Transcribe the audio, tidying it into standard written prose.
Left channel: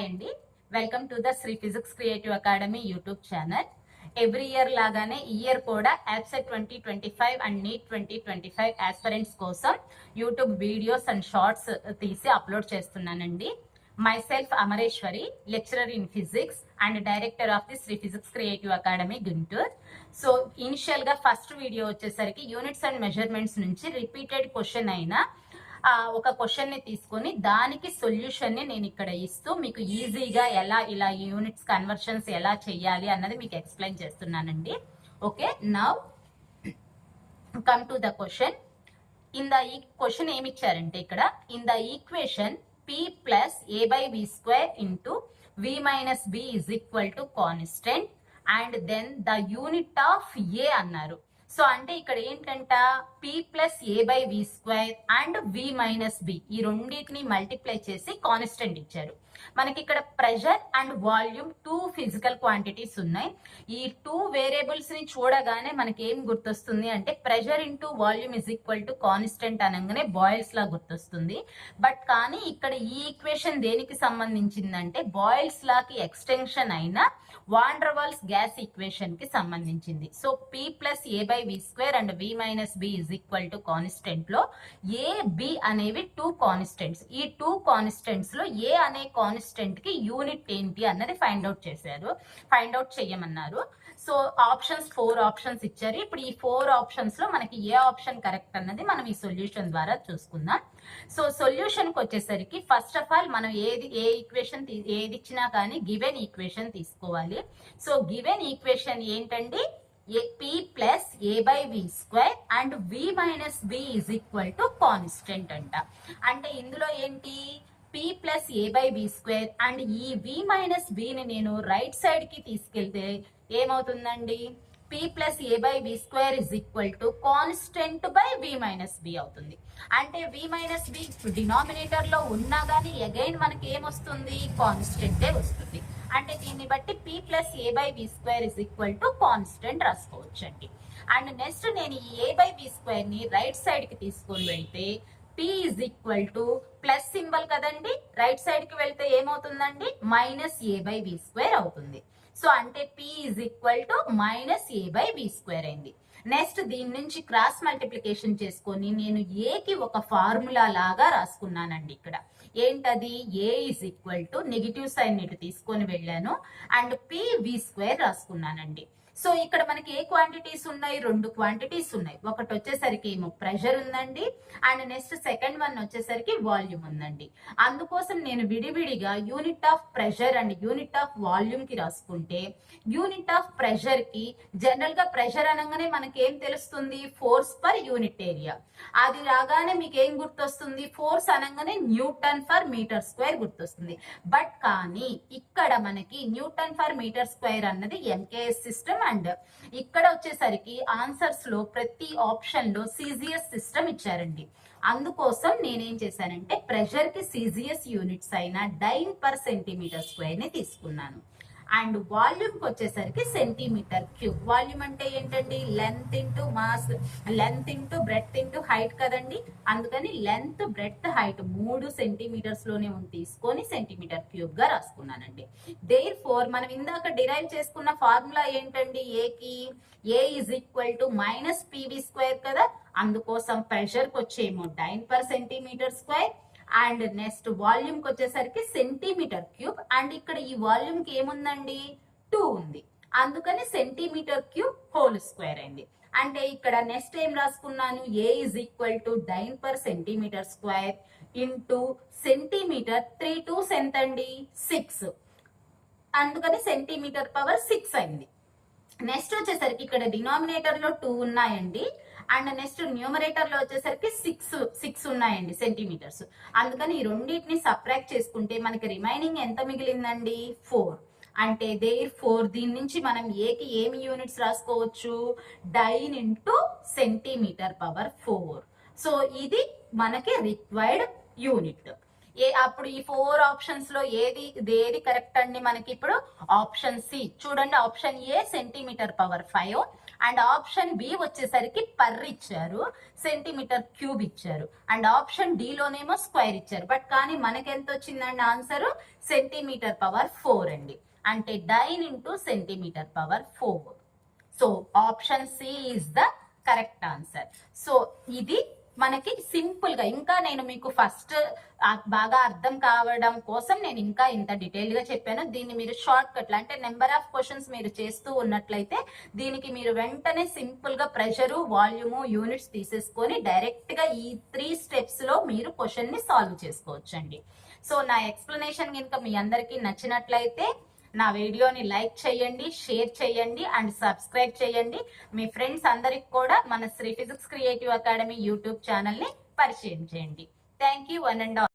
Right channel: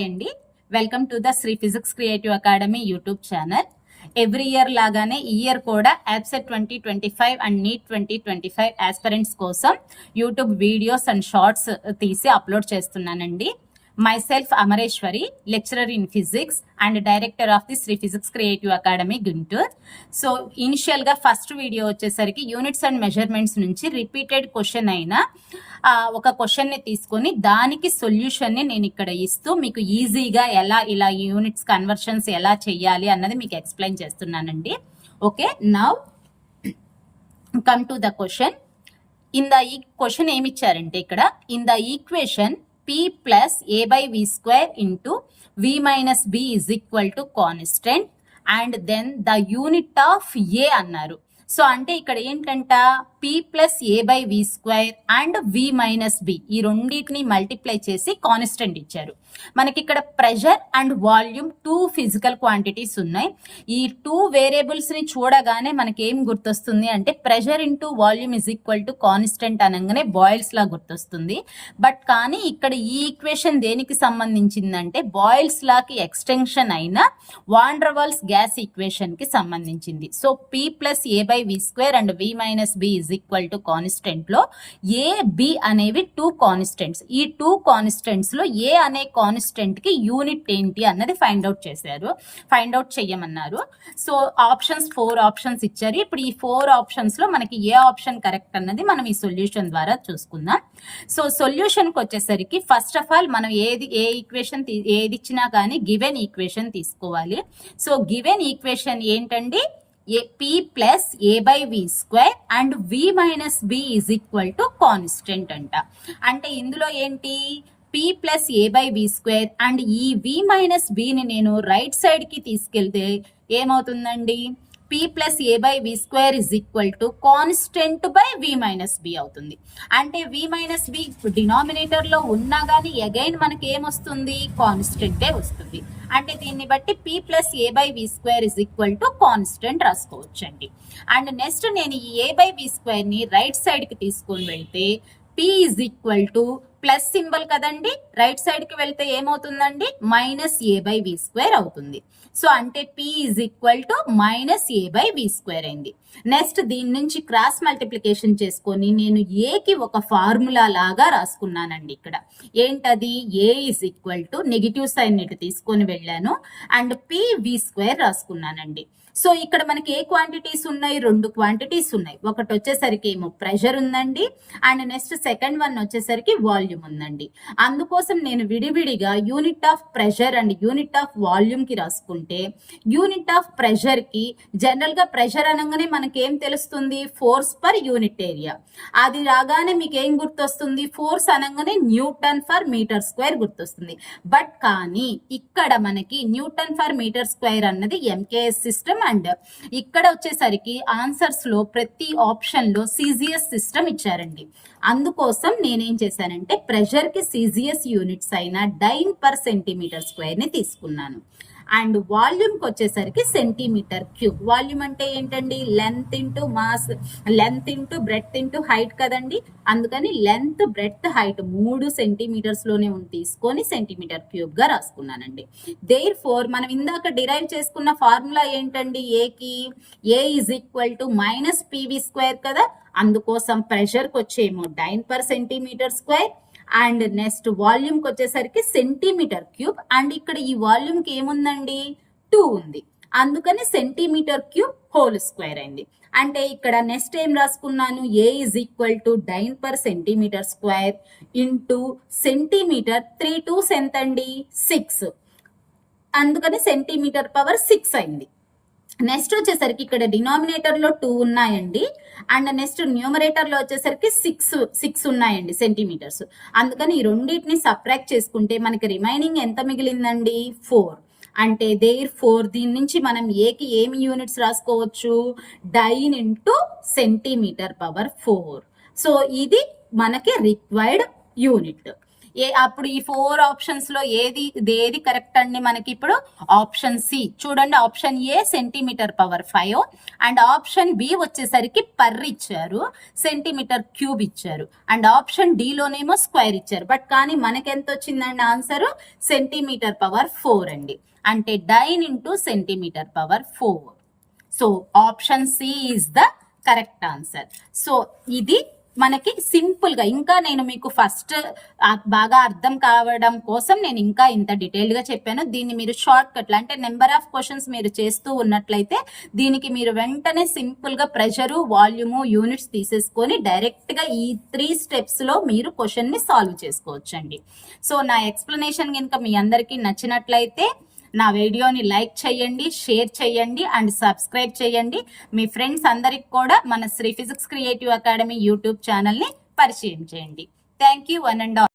Hi అండి, welcome to the Shri physics creative academy YouTube channel. Every year లాగానే ఈ year కూడా యాబ్సెట్ 2025 అండ్ నీట్ 2025 ఆస్పిరెంట్స్ కోసం YouTube videos and shorts తీసి upload చేస్తున్నానండి. myself Amareshwari, lecturer in physics and director of the Shri physics creative academy Guntur. So initial గా first video వచ్చేసరికి units and measurements నుంచి repeated question అయిన ఒక క్వశ్చన్ ని తీసుకొని దానికి సొల్యూషన్ ని నేను ఇక్కడ ఇస్తూ మీకు ఈజీగా ఎలా ఇలా యూనిట్స్ కన్వర్షన్స్ ఎలా చేయాలి అన్నది మీకు ఎక్స్ప్లెయిన్ చేస్తున్నానండి. Okay, now come to the question. ఈ క్వశ్చన్ ఏమి ఇచ్చారంటే ఇక్కడ in the equation p plus a by v square into v minus b is equal to constant and then the unit of a అన్నారు. So అంటే ఇక్కడ ఏంటంట p plus a by v square and v minus b ఈ రెండింటిని multiply చేసి constant ఇచ్చారు. మనకి ఇక్కడ pressure and volume two physical quantities ఉన్నాయి. ఈ టూ వేరియబుల్స్ ని చూడగానే మనకి ఏం గుర్తొస్తుంది అంటే pressure into volume is equal to constant అనగానే బాయిల్స్ లా గుర్తొస్తుంది. బట్ కానీ ఇక్కడ ఈ ఈక్వేషన్ దేనికి సంబంధించిందంటే బాయిల్స్ లాకి ఎక్స్టెన్షన్ అయిన van der Waals gas equation కి సంబంధించింది. So p plus a by v square and v minus b is equal to constant లో ఏ బి అనేవి టూ కాన్స్టెంట్స్. ఈ టూ కాన్స్టెంట్స్ లో ఏ అనే కాన్స్టెంట్ కి యూనిట్ ఏంటి అన్నది ఫైండ్ అవుట్ చేయమన్నారు. సో ఆప్షన్స్ 4 ఆప్షన్స్ ఇచ్చారు. ఇప్పుడు ఈ 4 ఆప్షన్స్ లో మనకి ఏ ఆప్షన్ కరెక్ట్ అన్నది మనం ఈ సొల్యూషన్ ద్వారా చూసుకుందాం. సో సొల్యూషన్ కి వచ్చేసరికి ఫస్ట్ ఆఫ్ ఆల్ మనం ఏ ఈక్వేషన్ ఏది ఇచ్చినా కానీ గివెన్ ఈక్వేషన్ తీసుకోవాలి. సో గివెన్ ఈక్వేషన్ ఏంటండి, p plus a by v square and v minus b is equal to constant అంట. అంటే ఇందులో ఏంటి p plus a by v square and ఈ వి మైనస్ బిని నేను రైట్ సైడ్ కి తీసుకెళ్తే ఏమవుతుందండి, p plus a by v square is equal to constant by v minus b అవుతుంది. అంటే వి మైనస్ బి డినామినేటర్ లో ఉన్నా కానీ అగైన్ మనకి ఏమొస్తుంది, కాన్స్టెంటే వస్తుంది. అంటే దీన్ని బట్టి p plus a by v square is equal to constant రాసుకోవచ్చు అండి. అండ్ నెక్స్ట్ నేను ఈ ఏ బై వి స్క్వేర్ ని రైట్ సైడ్ కి తీసుకొని వెళ్తే p is equal to plus symbol కదండి, రైట్ సైడ్ కి వెళ్తే ఏమవుతుందండి, minus a by v square అవుతుంది. సో అంటే p is equal to minus a by v square అయింది. నెక్స్ట్ దీని నుంచి క్రాస్ మల్టిప్లికేషన్ చేసుకొని నేను ఏ కి ఒక ఫార్ములా లాగా రాసుకున్నానండి. ఇక్కడ ఏంటది, A is equal to negative sign ఇటు తీసుకొని వెళ్ళాను అండ్ p వి స్క్వేర్ రాసుకున్నానండి. సో ఇక్కడ మనకి ఏ క్వాంటిటీస్ ఉన్నాయి, 2 క్వాంటిటీస్ ఉన్నాయి. ఒకటి వచ్చేసరికి ఏమో ప్రెషర్ ఉందండి అండ్ నెక్స్ట్ సెకండ్ వన్ వచ్చేసరికి వాల్యూమ్ ఉందండి. అందుకోసం నేను విడివిడిగా unit of pressure and unit of volume కి రాసుకుంటే యూనిట్ ఆఫ్ ప్రెషర్ కి జనరల్ గా ప్రెషర్ అనగానే మనకేం తెలుస్తుంది, ఫోర్స్ పర్ యూనిట్ ఏరియా. అది రాగానే మీకు ఏం గుర్తొస్తుంది, ఫోర్స్ అనగానే న్యూటన్ ఫర్ మీటర్ స్క్వేర్ గుర్తొస్తుంది. బట్ కానీ ఇక్కడ మనకి న్యూటన్ ఫర్ మీటర్ స్క్వేర్ అన్నది ఎంకేఎస్ సిస్టమ్ అండ్ ఇక్కడ వచ్చేసరికి ఆన్సర్స్ లో ప్రతి ఆప్షన్ లో సిజిఎస్ సిస్టమ్ ఇచ్చారండి. అందుకోసం నేనేం చేశానంటే ప్రెషర్ కి సిజిఎస్ యూనిట్స్ అయిన డైన్ పర్ సెంటీమీటర్ స్క్వేర్ ని తీసుకున్నాను. అండ్ వాల్యూమ్ కి వచ్చేసరికి సెంటీమీటర్ క్యూబ్. వాల్యూమ్ అంటే ఏంటండి, length into mass, length into breadth into height కదండి. అందుకని లెంత్ బ్రెడ్త్ హైట్ 3 సెంటీమీటర్స్ లోనే తీసుకొని సెంటీమీటర్ క్యూబ్ గా రాసుకున్నానండి. దేర్ ఫోర్ మనం ఇందాక డిరైవ్ చేసుకున్న ఫార్ములా ఏంటండి, ఏకి A is equal to minus PV square కదా. అందుకోసం ప్రెషర్ కి వచ్చేమో dyne per centimetre square and next volume కి వచ్చేసరికి సెంటీమీటర్ క్యూబ్. అండ్ ఇక్కడ ఈ వాల్యూమ్ కి ఏముందండి, 2 ఉంది. అందుకని సెంటీమీటర్ క్యూబ్ హోల్ స్క్వేర్ అయింది. అంటే ఇక్కడ నెక్స్ట్ ఏం రాసుకున్నాను, A is equal to dyne per centimetre square into centimetre 3 2s ఎంత అండి, 6. అందుకని సెంటీమీటర్ పవర్ 6 అయింది. నెక్స్ట్ వచ్చేసరికి ఇక్కడ డినామినేటర్ లో 2 ఉన్నాయండి అండ్ నెక్స్ట్ న్యూమరేటర్ లో వచ్చేసరికి 6 ఉన్నాయండి సెంటీమీటర్స్. అందుకని ఈ రెండింటిని సబ్ట్రాక్ట్ చేసుకుంటే మనకి రిమైనింగ్ ఎంత మిగిలిందండి, 4. అంటే దేర్ 4 దీని నుంచి మనం ఏకి ఏమి యూనిట్స్ రాసుకోవచ్చు, dyne into centimetre power 4. So ఇది మనకి రిక్వైర్డ్ యూనిట్. అప్పుడు ఈ 4 ఆప్షన్స్ లో ఏది కరెక్ట్ అండి మనకి ఇప్పుడు? ఆప్షన్ సి చూడండి, option A centimetre power 5 and option B వచ్చేసరికి పర్ ఇచ్చారు, సెంటీమీటర్ క్యూబ్ ఇచ్చారు అండ్ ఆప్షన్ డి లోనేమో స్క్వేర్ ఇచ్చారు. బట్ కానీ మనకి ఎంత వచ్చిందండి ఆన్సర్? సెంటీమీటర్ పవర్ 4 అండి. అంటే dyne into centimetre power 4. So option C is the correct answer. So ఇది మనకి సింపుల్ గా, ఇంకా నేను మీకు ఫస్ట్ బాగా అర్థం కావడం కోసం నేను ఇంకా ఇంత డీటెయిల్ గా చెప్పాను. దీన్ని మీరు షార్ట్ కట్ అంటే నెంబర్ ఆఫ్ క్వశ్చన్స్ మీరు చేస్తూ ఉన్నట్లయితే దీనికి మీరు వెంటనే సింపుల్ గా ప్రెషరు, వాల్యూము, యూనిట్స్ తీసేసుకొని డైరెక్ట్ గా ఈ 3 స్టెప్స్ లో మీరు క్వశ్చన్ ని సాల్వ్ చేసుకోవచ్చండి. సో నా ఎక్స్ప్లెనేషన్ కనుక మీ అందరికీ నచ్చినట్లయితే నా వీడియోని లైక్ చేయండి, షేర్ చేయండి అండ్ సబ్స్క్రైబ్ చేయండి. మీ ఫ్రెండ్స్ అందరికి కూడా మన Shri physics creative academy YouTube ఛానల్ని పరిచయం చేయండి. Thank you one and all.